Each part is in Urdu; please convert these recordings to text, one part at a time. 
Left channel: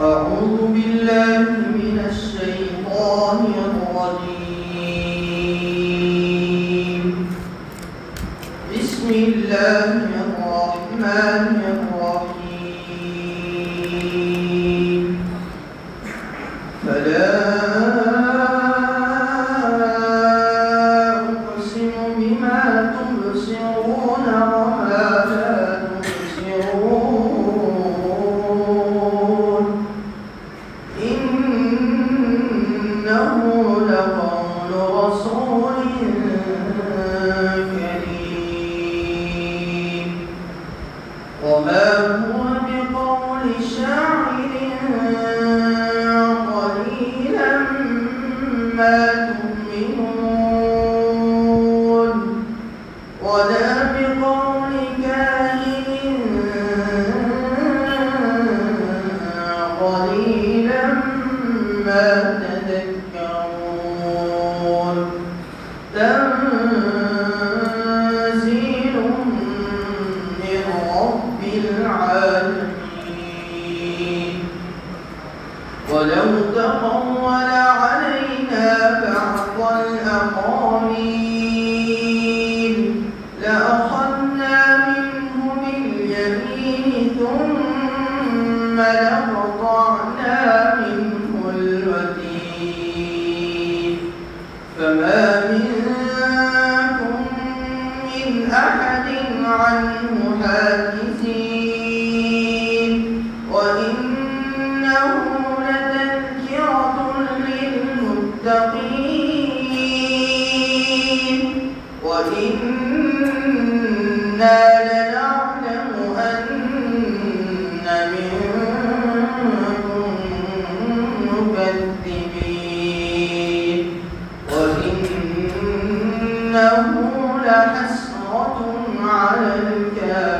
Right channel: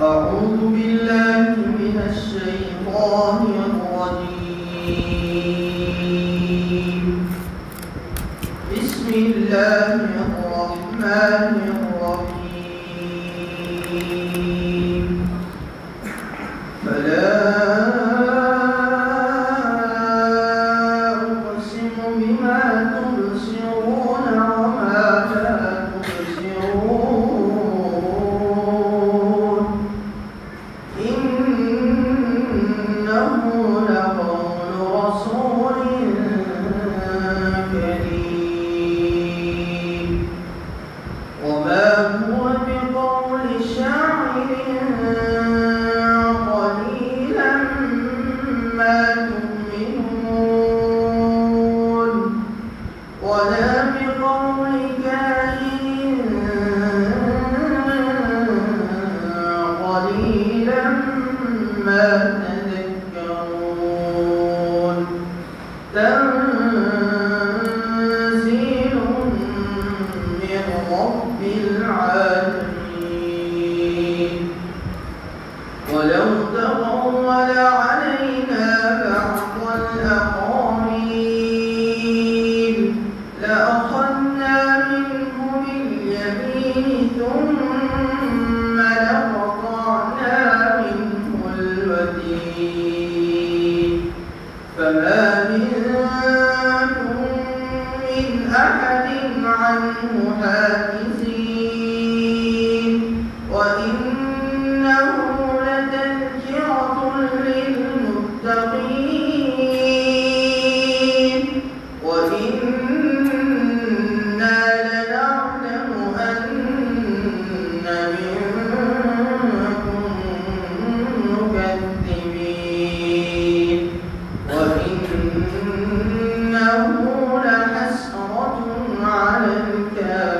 أعوذ بالله من الشيطان الرجيم. بسم الله الرحمن الرحيم. فلا أقسم بما تبصرون وما لا تبصرون إنه لقول رسول كريم وما هو بقول شاعر قليلا ما تؤمنون ولا بقول كاهن قليلا ما تذكرون تنزيل من رب العالمين ولو تقول علينا بعض الأقاويل لأخذنا منه باليمين ثم لقطعنا منه الوتين فما منكم من أحد عنه حاجزين وإنه لتذكرة للمتقين وإنا لنعلم أن منكم مكذبين وإنه لحسرة على الكافرين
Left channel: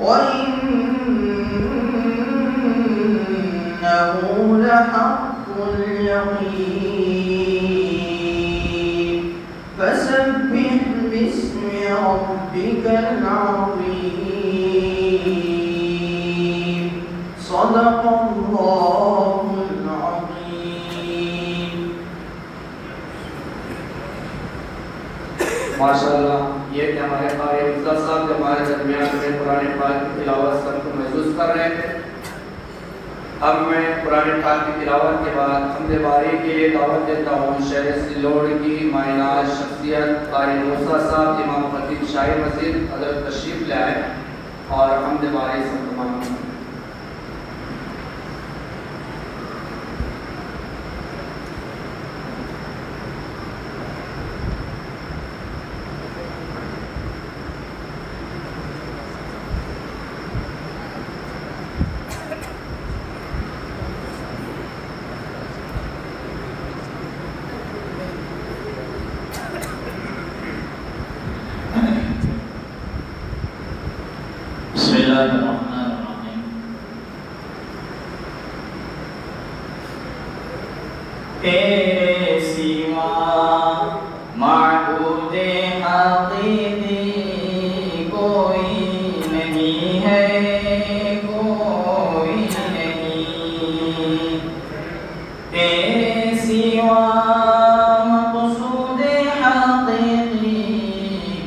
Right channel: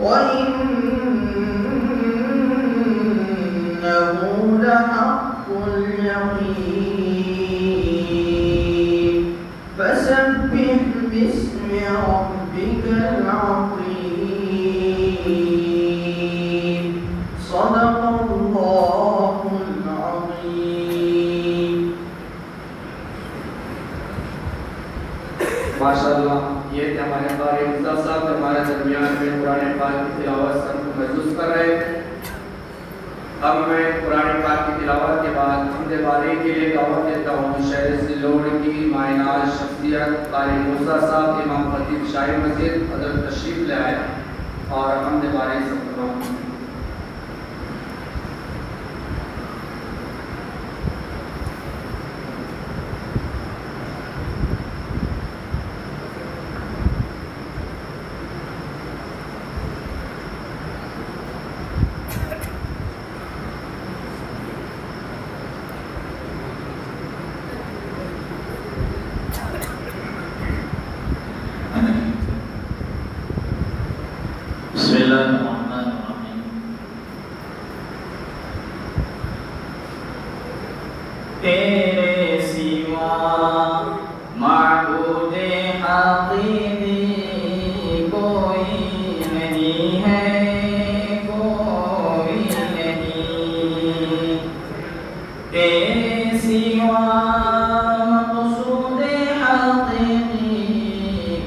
وإنه لحق اليقين فسبح باسم ربك العظيم صدق الله العظيم. ماشاءاللہ یہ کہ ہمارے قاری مرزا صاحب ہمارے درمیان میں قرآن پاک کی تلاوت سب کو محسوس کر رہے تھے. اب میں قرآن پاک کی تلاوت کے بعد حمد باری کے لیے دعوت دیتا ہوں شہر سلوڑ کی مائناز شخصیت قاری مرزا صاحب امام خطیب شاہی مسجد حضرت تشریف لے آئے اور حمد باری سب تمام بسم الله الرحمن الرحيم. تیرے سوا معبود حقیقی کوئی نہیں ہے کوئی نہیں تیرے سوا مقصود حقیقی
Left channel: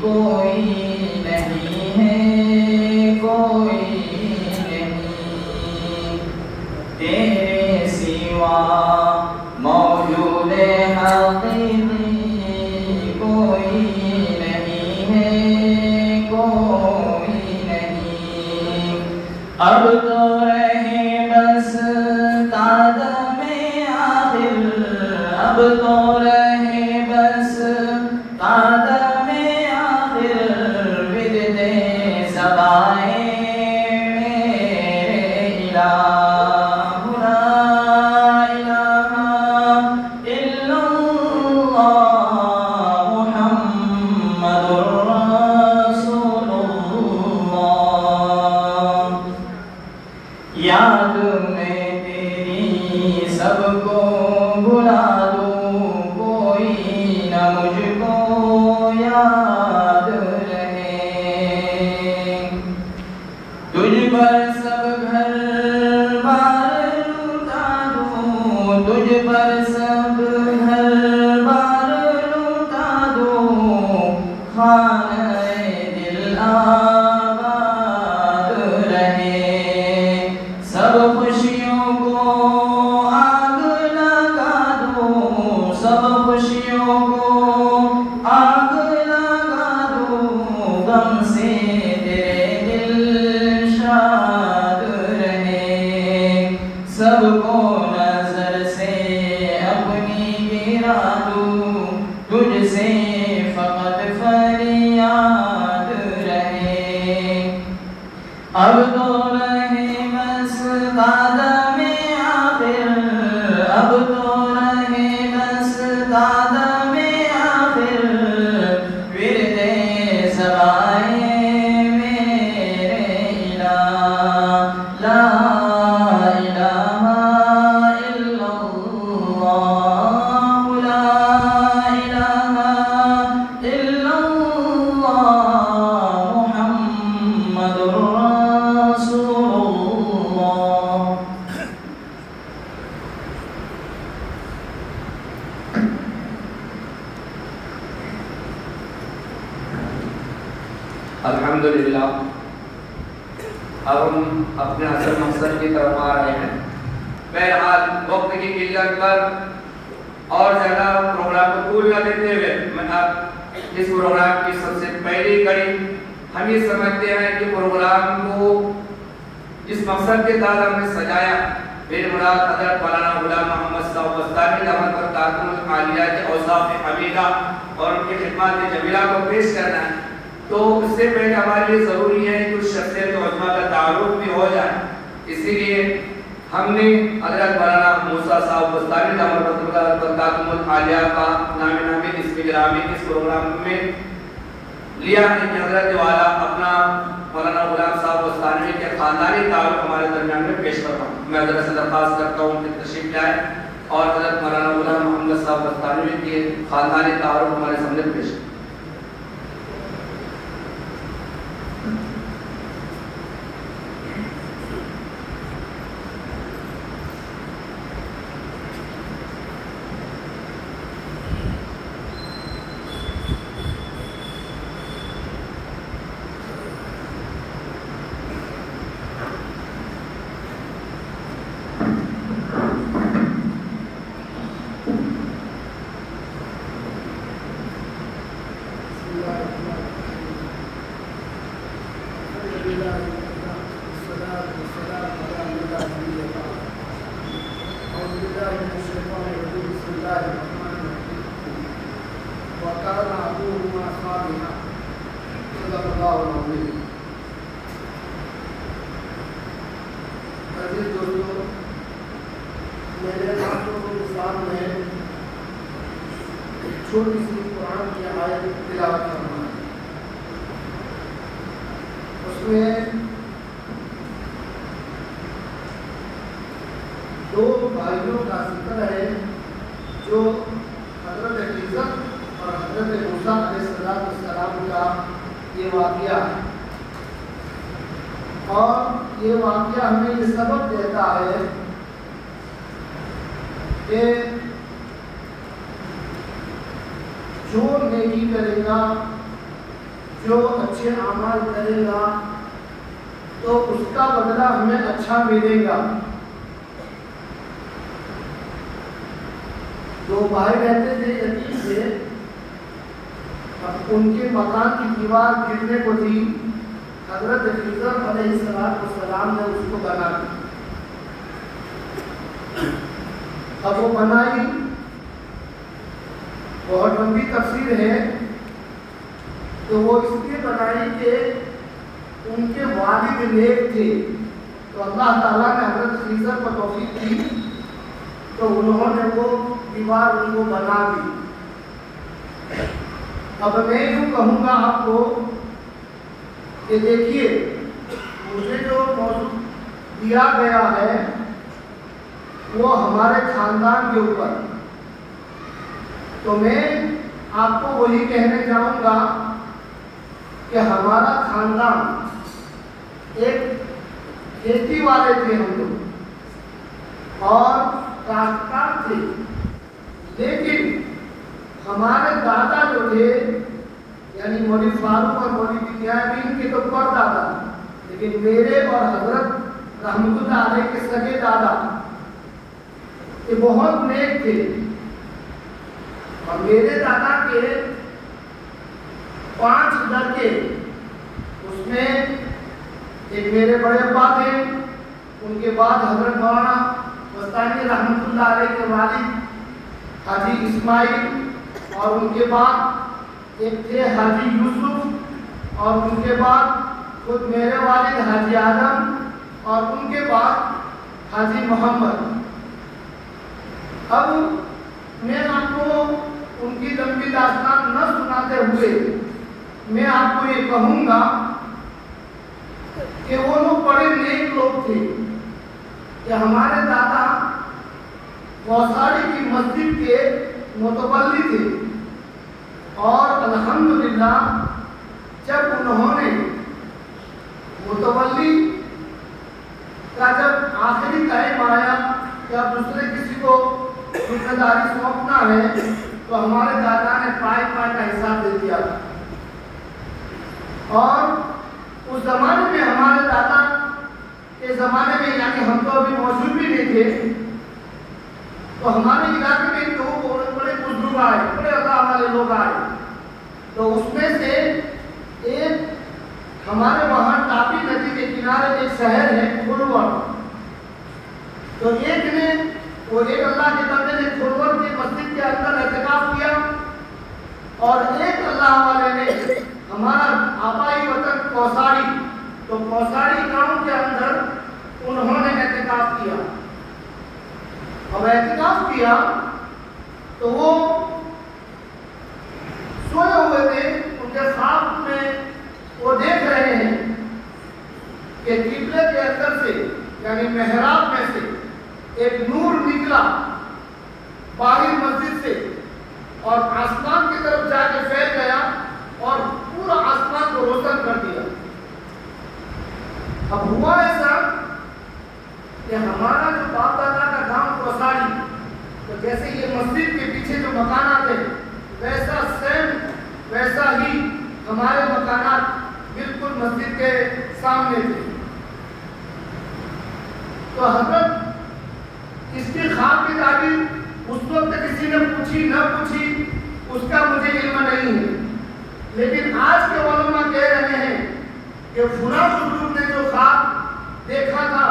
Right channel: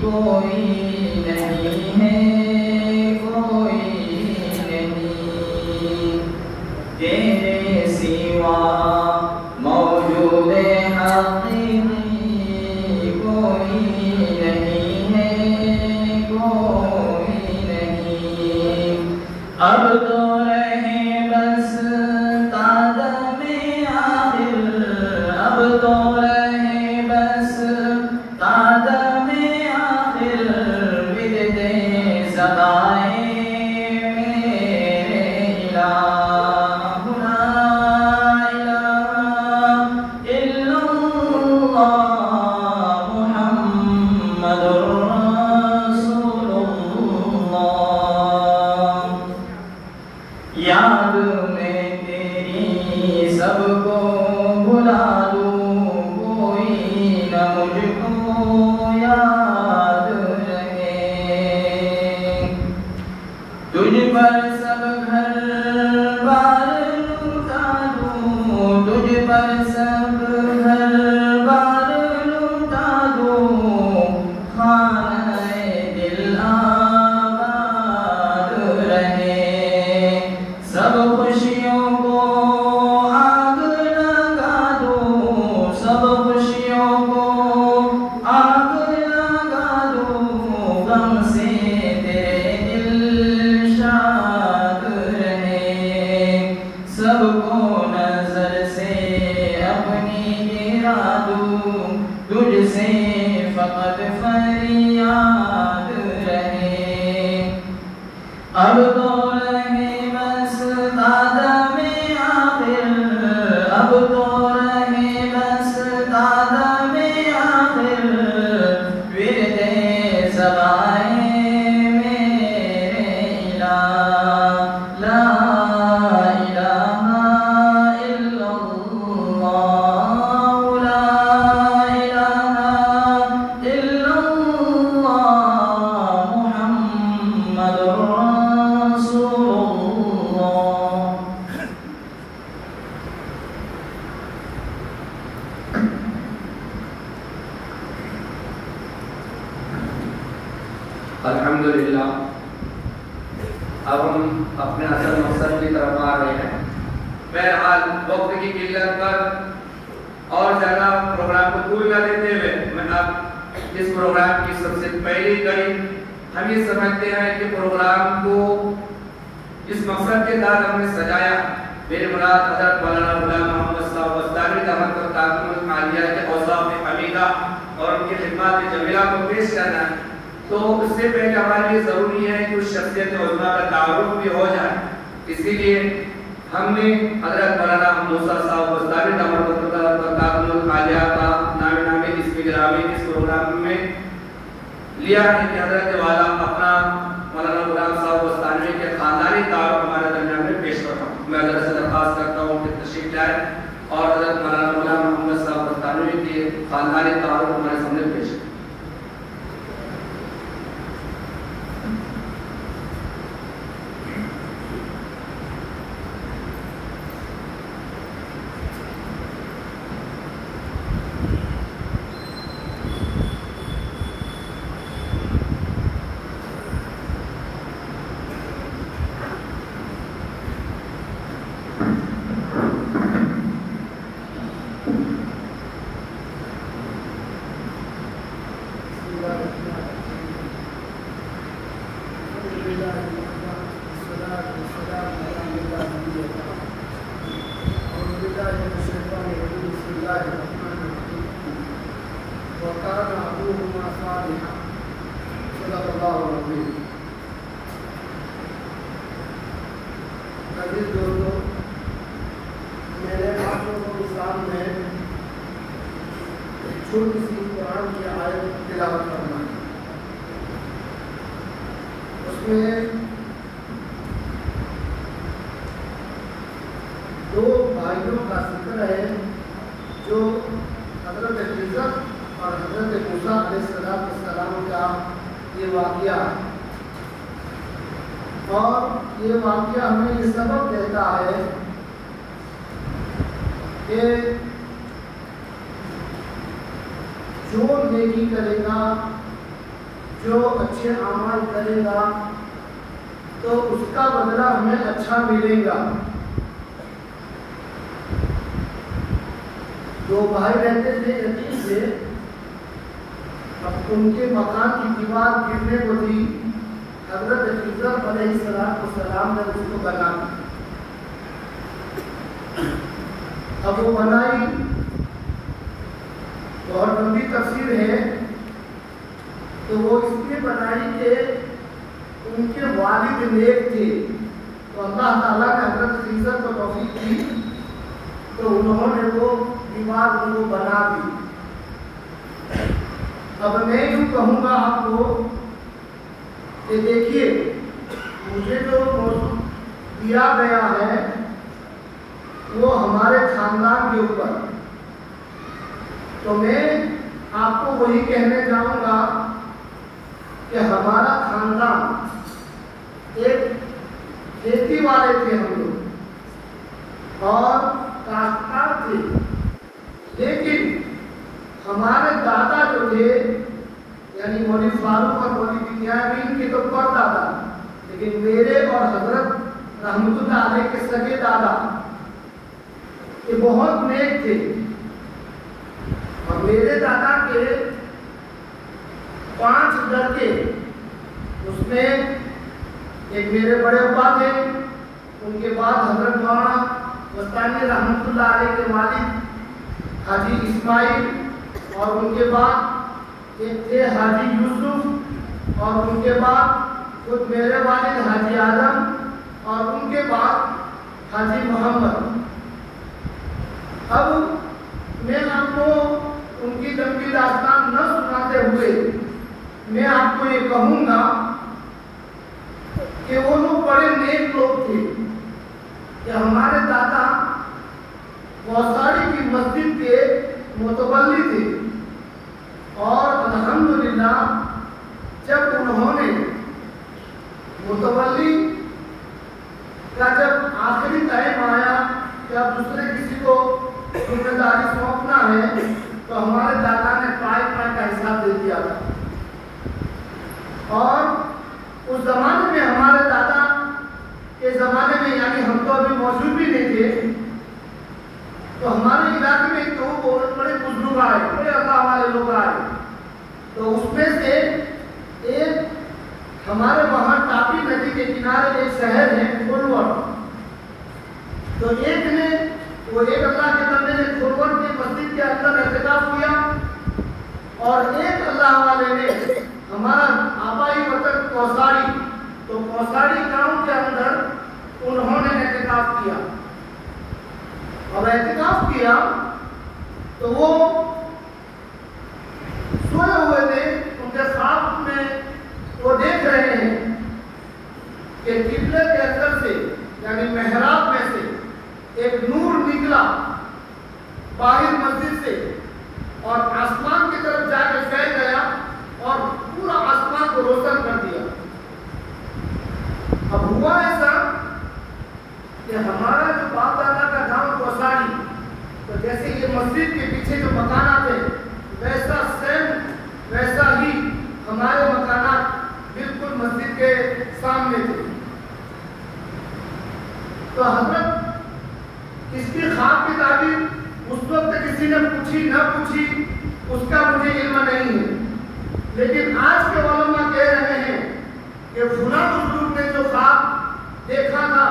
کوئی نہیں ہے تیرے سوا موجود حقیقی کوئی نہیں ہے کوئی نہیں اب تو رہے بس قدم آخر اب تو رہے بس قدم آخر ورد سدائے یاد میں تیری سب کو بلا دوں کوئی نہ مجھ کو یاد رہے تجھ پر سب گھر بار لوٹا دوں، تجھ پر سب گھر بار لوٹا دوں، خانہ دل آباد رہے، سب خوشیوں کو آگ لگا دوں، سب خوشیوں کو آگ لگا دوں، غم سے تیرے دل شاد رہے، سب کو نظر سے اپنی گرا دوں، تجھ سے فقط فریاد رہے، اب تو رہے بس قدم آخر، اب تو رہے بس قدم آخر، ورد سبائے میرے الہ، لا الہ الا اللہ، لا الہ الا اللہ، محمد رسول اللہ۔ الحمدللہ اب ہم اپنے اصل مقصد کی طرف آ رہے ہیں۔ بہرحال وقت کی قلت پر اور زیادہ پروگرام کو طول نہ دیتے ہوئے میں اب اس پروگرام کی سب سے پہلی کڑی ہم یہ سمجھتے ہیں کہ پروگرام کو اس مقصد کے تحت ہم نے سجایا، میرے مراد حضرت مولانا غلام محمد صاحب وسطانی رحمۃ اللہ علیہ کے اوصاف حمیدہ اور ان کی خدمات جمیلہ کو پیش کرنا ہے، تو اس سے پہلے ہمارے لیے ضروری ہے کہ اس شخصیت عظمیٰ کا تعارف بھی ہو جائے، اسی لیے ہم نے حضرت مولانا موسیٰ صاحب وسطانی رحمۃ اللہ علیہ کا نام اس گرامی اس پروگرام میں لیا ہے کہ حضرت والا اپنا مولانا غلام صاحب وسطانی کے خاندانی تعارف ہمارے درمیان میں پیش کرتا ہوں۔ میں حضرت سے درخواست کرتا ہوں کہ تشریف لائیں اور حضرت مولانا غلام محمد صاحب وسطانی کے خاندانی تعارف ہمارے سامنے پیش کریں۔ چھوٹی سی قرآن کی آیت تلاوت کرنا ہے، اس میں دو بھائیوں کا ذکر ہے جو حضرت خضر اور حضرت موسیٰ علیہ السلام کا یہ واقعہ ہے، اور یہ واقعہ ہمیں یہ سبق دیتا ہے کہ جو نیکی کرے گا، جو اچھے اعمال کرے گا تو اس کا بدلہ ہمیں اچھا ملے گا۔ دو بھائی رہتے تھے یتیم سے، اب ان کے مکان کی دیوار گرنے کو تھی، حضرت خضر علیہ السلام نے اس کو بنا دی۔ اب وہ بنائی، بہت لمبی تفسیر ہے، تو وہ اس لیے بنائی کہ ان کے والد نیک تھے، تو اللہ تعالیٰ نے حضرت خضر کو توفیق دی تو انہوں نے وہ دیوار ان کو بنا دی۔ اب میں یوں کہوں گا آپ کو کہ دیکھیے مجھے جو موضوع دیا گیا ہے وہ ہمارے خاندان کے اوپر، تو میں آپ کو وہی کہنے جاؤں گا کہ ہمارا خاندان ایک کھیتی والے تھے ہم لوگ اور کاشتکار تھے، لیکن ہمارے دادا جو تھے یعنی مولوی فاروق اور مولوی بنیامین کے تو پردادا، لیکن میرے اور حضرت رحمت اللہ علیہ کے سگے دادا یہ بہت نیک تھے، اور میرے دادا کے 5 لڑکے، اس میں ایک میرے بڑے ابا تھے، ان کے بعد حضرت مولانا بستانی رحمت اللہ علیہ کے والد حاجی اسماعیل، اور ان کے بعد ایک تھے حاجی یوسف، اور ان کے بعد خود میرے والد حاجی آدم، اور ان کے بعد حاجی محمد۔ اب میں آپ کو ان کی لمبی داستان نہ سناتے ہوئے میں آپ کو یہ کہوں گا کہ وہ لوگ بڑے نیک لوگ تھے کہ ہمارے دادا کوساڑی کی مسجد کے متولی تھے، اور الحمدللہ جب انہوں نے متولی کا جب آخری ٹائم آیا کہ اب دوسرے کسی کو ذمہ داری سونپنا ہے تو ہمارے دادا نے پائے کا حساب دے دیا تھا، اور اس زمانے میں ہمارے دادا کے زمانے میں یعنی ہم تو ابھی موجود بھی نہیں تھے، تو ہمارے علاقے میں دو بہت بڑے بزرگ آئے، بڑے اللہ والے لوگ آئے، تو اس میں سے ایک ہمارے وہاں تاپی ندی کے کنارے ایک شہر ہے کھرور، تو ایک نے وہ ایک اللہ کے بندے نے کھرور کے مسجد کے اندر اعتکاف کیا، اور ایک اللہ والے نے ہمارا آبائی وطن کوساڑی، تو کوساڑی گاؤں کے اندر انہوں نے اعتکاف کیا۔ اب اعتکاف کیا تو وہ سوئے ہوئے تھے، ان کے خواب میں وہ دیکھ رہے ہیں کہ قبلے کے اندر سے یعنی محراب میں سے ایک نور نکلا باہر مسجد سے، اور آسمان کی طرف جا کے پھیل گیا اور پورا آسمان کو روشن کر دیا۔ اب ہوا ایسا کہ ہمارا جو باپ دادا کا گاؤں کوساڑی، تو جیسے یہ مسجد کے پیچھے جو مکانات ہیں ویسا سیم ویسا ہی ہمارے مکانات بالکل مسجد کے سامنے تھے۔ تو حضرت اس کی خواب کی تعبیر اس وقت کسی نے پوچھی نہ پوچھی اس کا مجھے علم نہیں ہے، لیکن آج کے علماء کہہ رہے ہیں کہ فلاں بزرگ نے جو خواب دیکھا تھا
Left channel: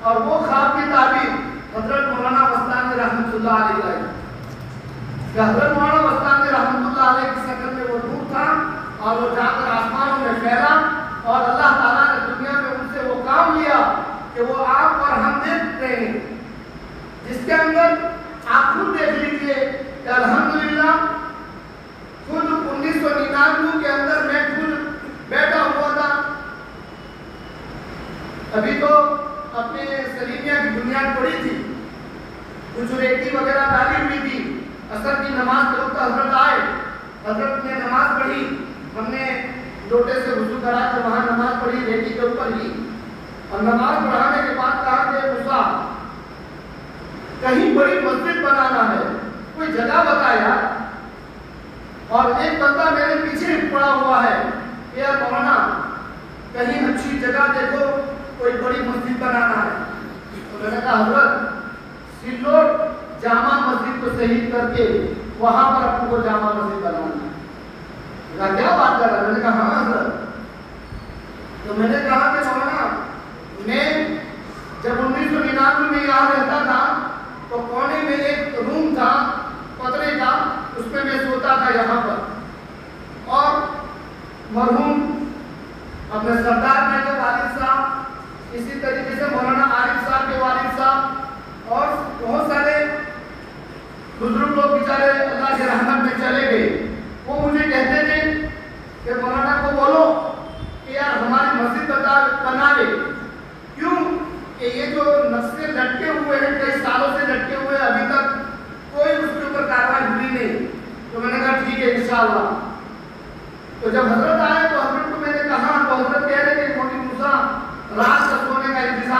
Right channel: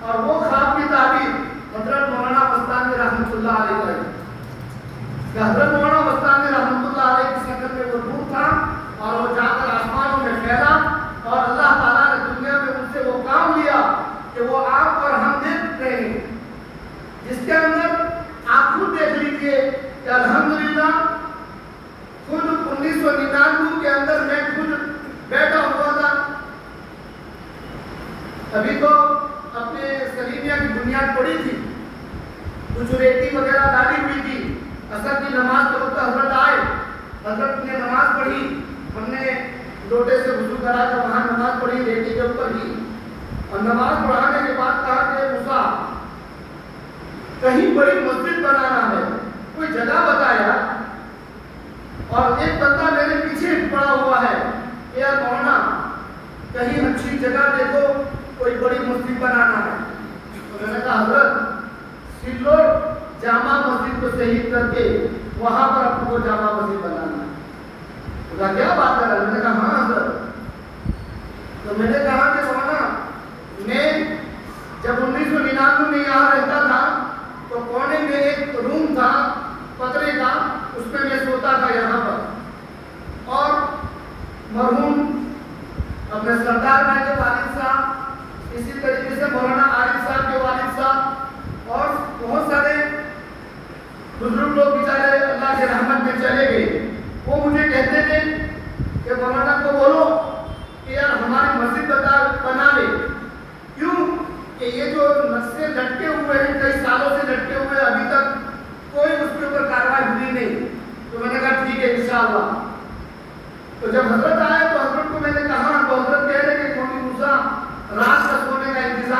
اور وہ خواب کی تعبیر حضرت مولانا بستانی رحمت اللہ علیہ ہے، کہ حضرت مولانا بستانی رحمت اللہ علیہ کی شکل میں وہ نور تھا، اور وہ جا کر آسمانوں میں پھیلا، اور اللہ تعالیٰ نے دنیا میں ان سے وہ کام لیا کہ وہ آپ اور ہم دیکھ رہے ہیں، جس کے اندر آپ خود دیکھ لیجئے کہ الحمدللہ خود 1999 کے اندر میں خود بیٹھا ہوا تھا، ابھی تو اپنے سلیمیہ کی بنیاد پڑی تھی، کچھ ریتی وغیرہ ڈالی ہوئی تھی، عصر کی نماز کے وقت حضرت آئے، حضرت نے نماز پڑھی، ہم نے لوٹے سے وضو کرا کر وہاں نماز پڑھی ریتی کے اوپر ہی، اور نماز پڑھانے کے بعد کہا کہ موسیٰ کہیں بڑی مسجد بنانا ہے، کوئی جگہ بتایا، اور ایک بندہ میرے پیچھے پڑا ہوا ہے کہ یار مولانا کہیں اچھی جگہ دیکھو کوئی بڑی مسجد بنانا ہے، تو میں نے کہا حضرت سلور جامع مسجد کو شہید کر کے وہاں پر آپ کو جامع مسجد بنانا ہے، کیا بات کر رہا ہے؟ میں نے کہا ہاں حضرت، تو میں نے کہا کہ مولانا میں جب 1999 میں یہاں رہتا تھا تو کونے میں ایک روم تھا پترے کا، اس میں سوتا تھا یہاں پر، اور مرحوم اپنے سردار میں کے والد صاحب، اسی طریقے سے مولانا عارف صاحب کے والد صاحب، اور بہت سارے بزرگ لوگ بیچارے اللہ کی رحمت میں چلے گئے، وہ مجھے کہتے تھے کہ مولانا کو بولو کہ یار ہماری مسجد بنا لے، کیوں کہ یہ جو نقشے لٹکے ہوئے ہیں کئی سالوں سے لٹکے ہوئے، ابھی تک کوئی اس کے اوپر کارروائی ہوئی نہیں، تو میں نے کہا ٹھیک ہے انشاءاللہ۔ تو جب حضرت آئے تو حضرت کو میں نے کہا، تو حضرت کہہ رہے کہ مولانا موسیٰ رات کا سونے کا انتظام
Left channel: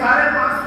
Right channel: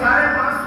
550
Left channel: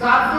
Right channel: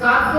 700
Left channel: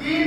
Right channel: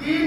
3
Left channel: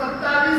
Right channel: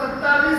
27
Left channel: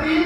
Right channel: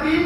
3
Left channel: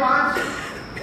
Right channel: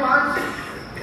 5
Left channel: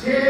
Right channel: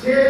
6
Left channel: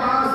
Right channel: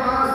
5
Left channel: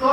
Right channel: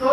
100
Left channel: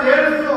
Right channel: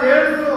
150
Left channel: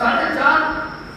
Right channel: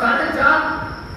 4:30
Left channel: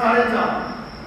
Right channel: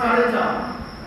4:30।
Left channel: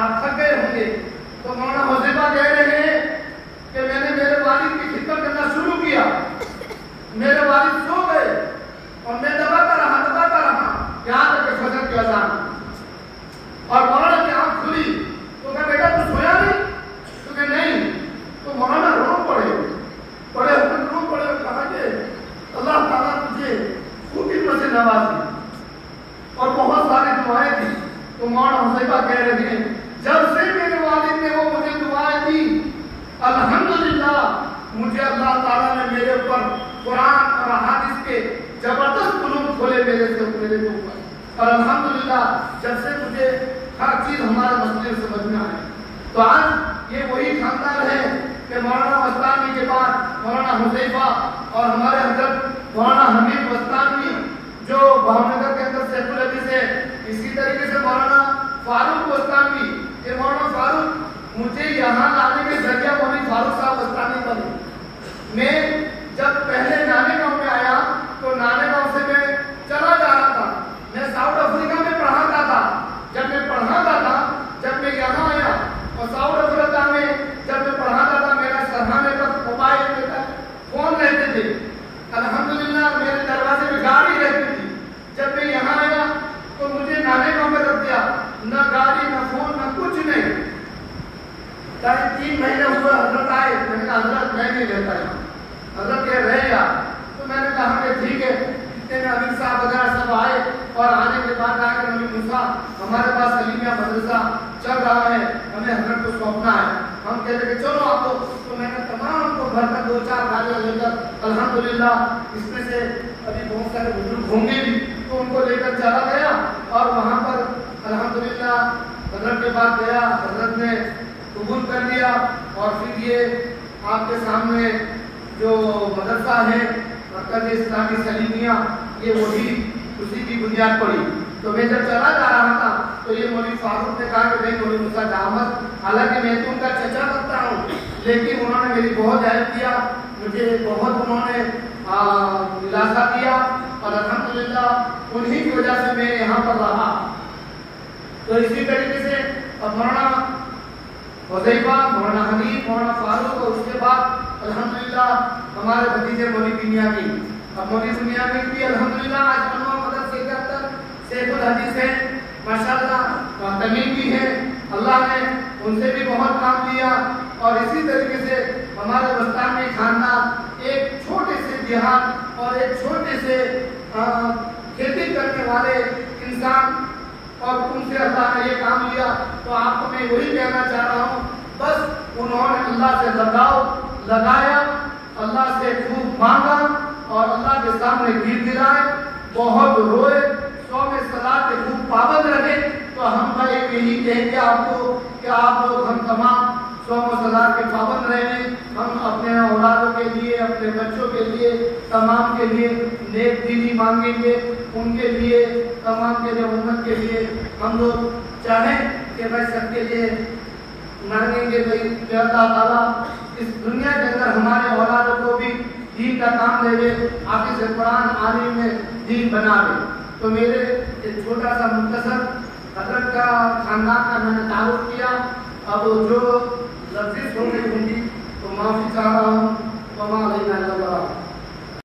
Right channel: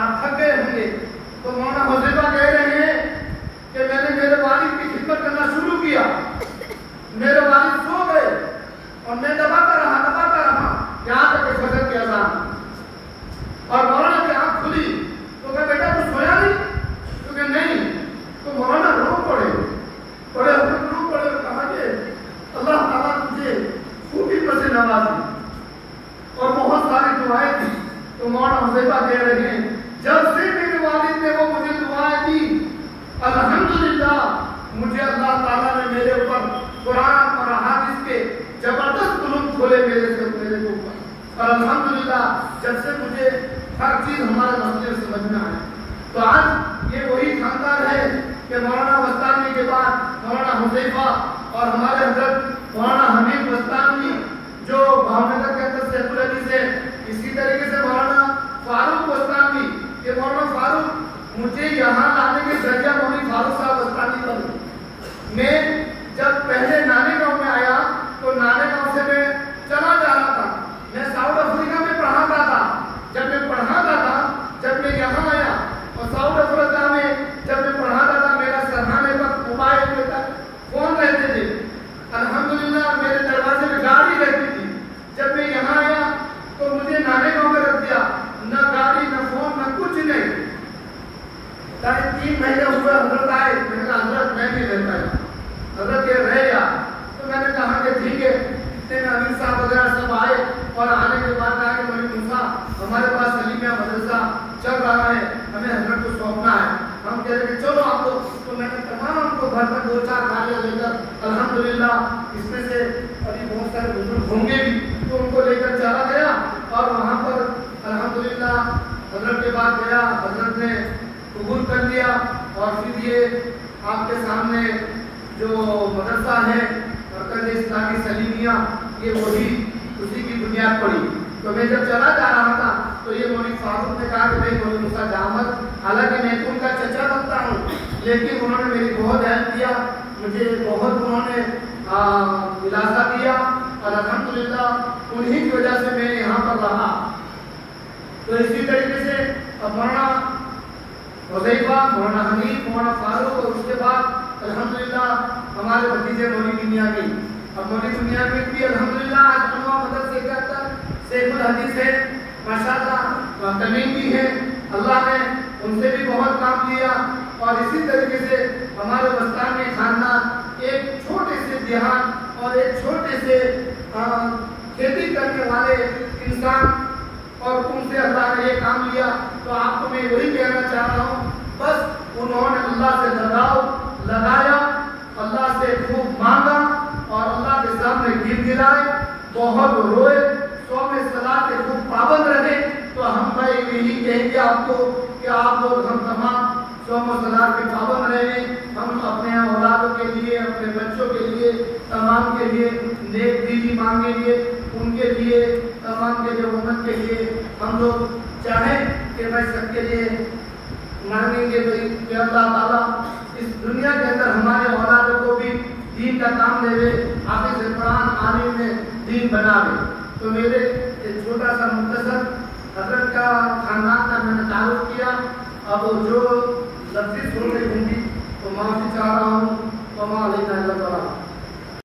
آپ تھک گئے ہوں گے. تو مولانا حذیفہ کہہ رہے ہیں کہ میں نے میرے والد کی خدمت کرنا شروع کیا. میرے والد سو گئے اور میں دباتا رہا یہاں تک کہ فجر کی اذان. اور مولانا کی آنکھ کھلی تو کہا بیٹا تو سویا نہیں؟ تو کہ نہیں. تو مولانا رو پڑے اور کہا کہ اللہ تعالیٰ تجھے خوبی پر سے نوازی. اور بہت ساری دعائیں تھیں. تو مولانا حذیفہ کہہ رہے ہیں جب سے میرے والد نے وہ مجھے دعائیں دی الحمدللہ مجھے اللہ تعالیٰ نے میرے اوپر قرآن اور احادیث کے زبردست علوم کھولے میرے اوپر. اور الحمدللہ جب سے مجھے ہر چیز ہمارے مسئلے سمجھنا ہے. تو آج یہ وہی خاندان ہے کہ مولانا مستانوی کے بعد مولانا حذیفہ اور ہمارے حضرت مولانا حمید مستانوی جو بھاؤنگر کے اندر سیف الحدیث ہے. اسی طریقے سے مولانا فاروق مستانوی. یہ مولانا فاروق مجھے یہاں آنے کے ذریعہ مولوی فاروق صاحب مستانوی بنے. میں جب پہلے نانے گاؤں میں آیا تو نانے گاؤں سے میں چلا جا رہا تھا. میں ساؤتھ افریقہ میں پڑھاتا تھا. جب میں پڑھاتا تھا جب میں یہاں آیا اور ساؤتھ افریقہ میں جب میں پڑھاتا تھا میرا سرحانے پر موبائل میں فون رہتے تھے. الحمدللہ میرے دروازے میں گاڑی رہتی تھی. جب میں یہاں آیا تو مجھے نانے گاؤں میں رکھ دیا. نہ گاڑی نہ فون نہ کچھ نہیں. 3 مہینے ہوئے حضرت آئے. میں نے کہا حضرت میں نہیں رہتا یہاں. حضرت یہ رہے گا. تو میں نے کہا کہ ٹھیک ہے. اتنے میں امیر صاحب وغیرہ سب آئے اور آنے کے بعد کہا کہ مولوی موسیٰ ہمارے پاس سلیمیہ مدرسہ چل رہا ہے ہمیں حضرت کو سونپنا ہے. ہم کہہ رہے کہ چلو آپ کو. تو میں نے تمام کو بھر کر 2-4 گاڑیاں لے کر الحمدللہ اس میں سے ابھی بہت سارے بزرگ ہوں گے بھی تو ان کو لے کر چلا گیا اور وہاں پر الحمدللہ حضرت کے بعد گیا. حضرت نے قبول کر لیا اور پھر یہ آپ کے سامنے جو مدرسہ ہے مرکز اسلامی سلیمیہ یہ وہی اسی کی بنیاد پڑی. تو میں جب چلا جا رہا تھا تو یہ مولوی فاروق نے کہا کہ میں مولوی موسیٰ احمد حالانکہ میں ان کا چچا لگتا ہوں لیکن انہوں نے میری بہت ہیلپ کیا. مجھے بہت انہوں نے دلاسا دیا اور الحمدللہ انہی کی وجہ سے میں یہاں پر رہا. تو اسی طریقے سے اب مولانا حذیفہ مولانا حمید مولانا فاروق اور اس کے بعد الحمدللہ ہمارے بھتیجے مولوی بنیامین. اب مولوی بنیامین بھی الحمدللہ آج انواع مدرسے کے اندر سیف الحدیث ہے ماشاءاللہ. تمیم بھی ہے. اللہ نے ان سے بھی بہت کام لیا. اور اسی طریقے سے ہمارے مستانوی خاندان ایک چھوٹے سے دیہات اور ایک چھوٹے سے کھیتی کرنے والے انسان اور ان سے اللہ نے یہ کام لیا. تو آپ کو میں وہی کہنا چاہ رہا ہوں بس انہوں نے اللہ سے لگایا اللہ سے خوب مانگا اور اللہ کے سامنے گر گرائے بہت روئے 100 میں صلاۃ کے خوب پابند رہے. تو ہم بھائی یہی کہیں گے آپ کو کہ آپ لوگ ہم تمام 100 میں صلاۃ کے پابند رہیں. ہم اپنے اولادوں کے لیے اپنے بچوں کے لیے تمام کے لیے نیک دلی مانگیں گے. ان کے لیے تمام کے لیے امت کے لیے ہم لوگ چاہیں کہ میں سب کے لیے مانگیں گے بھائی کہ اللہ تعالیٰ اس دنیا کے اندر ہمارے اولادوں کو بھی دین کا کام دے دے حافظ قرآن عالم میں دین بنا دے. تو میرے ایک چھوٹا سا مختصر حضرت کا خاندان کا میں نے تعارف کیا. اب جو لفظی چھوٹی ہوں گی تو معافی چاہ رہا ہوں.